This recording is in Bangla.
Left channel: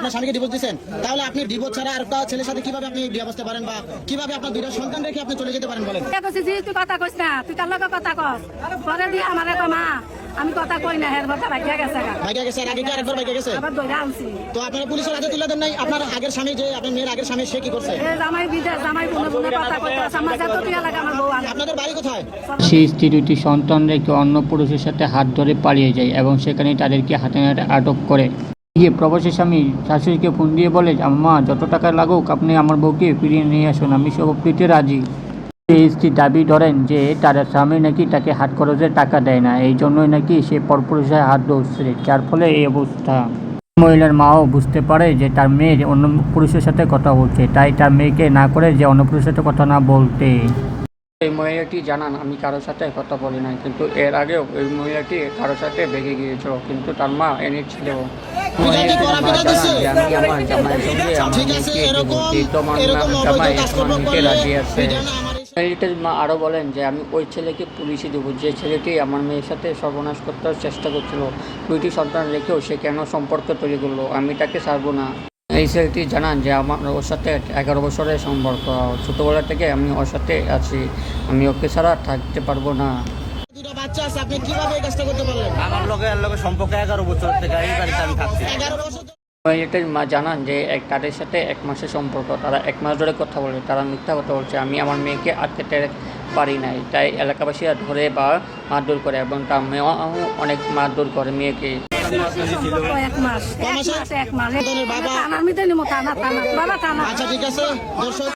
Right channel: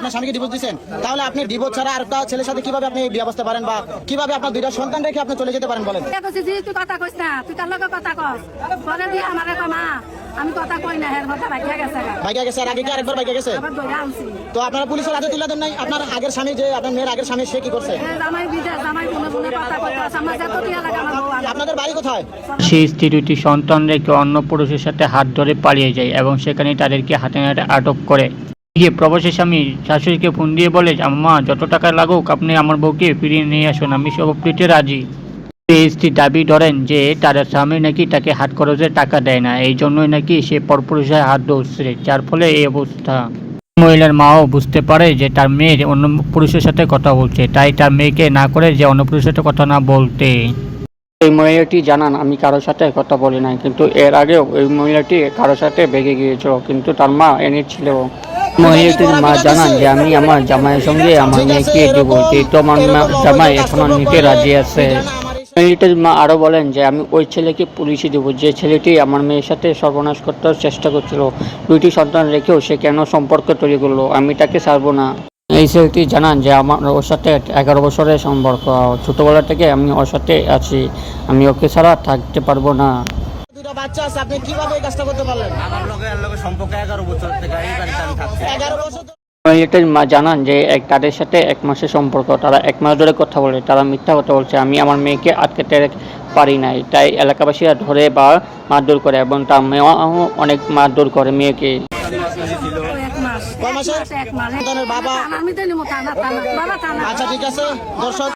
আপনার স্বামীকে ডিভোর্স দিয়েছেন, তাহলে আপনি ডিভোর্স ছাড়া আর একটা ছেলের সাথে কিভাবে আপনি বিয়ে বসতে পারেন বা কিভাবে আপনার দুইটা সন্তান রেখে আপনি চলে যেতে পারেন বলেন? তুই কথা কইস না, তুই তার লগে কথা কস পরে দিয়ে আমার একটা মা আমি কথা কই না হের কথা ভাইয়া গেছে ভাইয়া গেছে, আর আগে কি আরেকবার ভাইয়া গেছে? আবার দইরা আনছি। তো আপনারা পুলিশের হাতে তুলে দেন নাই? আপনার আগের স্বামী, যে আপনার মেয়ের আগের স্বামী, সে কি করছে? জামাই বিদেশ, জামাই কোনে কোনে কথা কইতাছে, আমার যত টিয়া লাগে আমার বউ আনে। আপনাদের বাড়ি কোথায়? সেই স্ত্রী দুটি সন্তান রেখে অন্য পুরুষের সাথে হাত ধরে পালিয়ে যায় এবং সেখানে তাদেরকে হাতে নাতে আটক করে। গিয়ে প্রবাসী স্বামী শাশুড়িকে ফোন দিয়ে বলে, আম্মা যত টাকা লাগুক আপনি আমার বউকে ফিরিয়ে নিয়ে আসুন, আমি সব দিতে রাজি। এই স্ত্রী দাবি ধরেন যে তার স্বামী নাকি তাকে হাত খরচের টাকা দেয় না, এই জন্যই নাকি সে পরপুরুষের হাত ধরছে, যার ফলে এই অবস্থা। মহিলার মাও বুঝতে পারে যে তার মেয়ে অন্য পুরুষের সাথে কথা বলছে, তাই তার মেয়েকে না করে যে অন্য পুরুষের সাথে কথা না বলতে। এই মহিলাটি জানান, আমি কারোর সাথে কথা বলি না, কিন্তু এর আগেও এই মহিলাটি কারোর সাথে ভেগে গিয়েছিল, কিন্তু তার মা এনেছিল। মহিলাটির মা জানান যে আমি আমার জামাইয়ের সঙ্গে আমার মেয়েকে দেবো, যেহেতু আমার জামাই এখন নিতে রাজি আছে। মহিলাটির মা আরও বলেন যে আমি ওই ছেলেকে পুলিশে দেবো যে ছেলেটি আমার মেয়ের সাথে সর্বনাশ করতে চেষ্টা করছিল, দুইটি সন্তান রেখেও সে কেন সম্পর্ক তৈরি করলো, আমি তাকে ছাড়বো না। এই ছেলেটি জানান যে আমার ওর সাথে 11 বছরের সম্পর্ক, ছোটবেলা থেকে আমি ওর সাথে আছি, আমি ওকে ছাড়া থাকতে পারবো না। দুটো বাচ্চা আছে, আপনি কিভাবে এই কাজটা করতে পারলেন? আমার লগে সম্পর্ক 11 বছর থেকে এই বাড়িতে আমি থাকছি। 11 বছর মহিলাটির মা জানান যে তাদের সাথে 1 মাসের সম্পর্ক, তারা 1 মাস ধরে কথা বলে, তারা মিথ্যা কথা বলছে, আমি আমার মেয়েকে আটকাতে পারি নাই, তাই এলাকাবাসীরা ধরে বা মারধর করে এবং তার মেয়েও অনেক মারধর করে মেয়েকে। এক মাস বাবা, বাবা আচ্ছা ঠিক আছে দর্শক।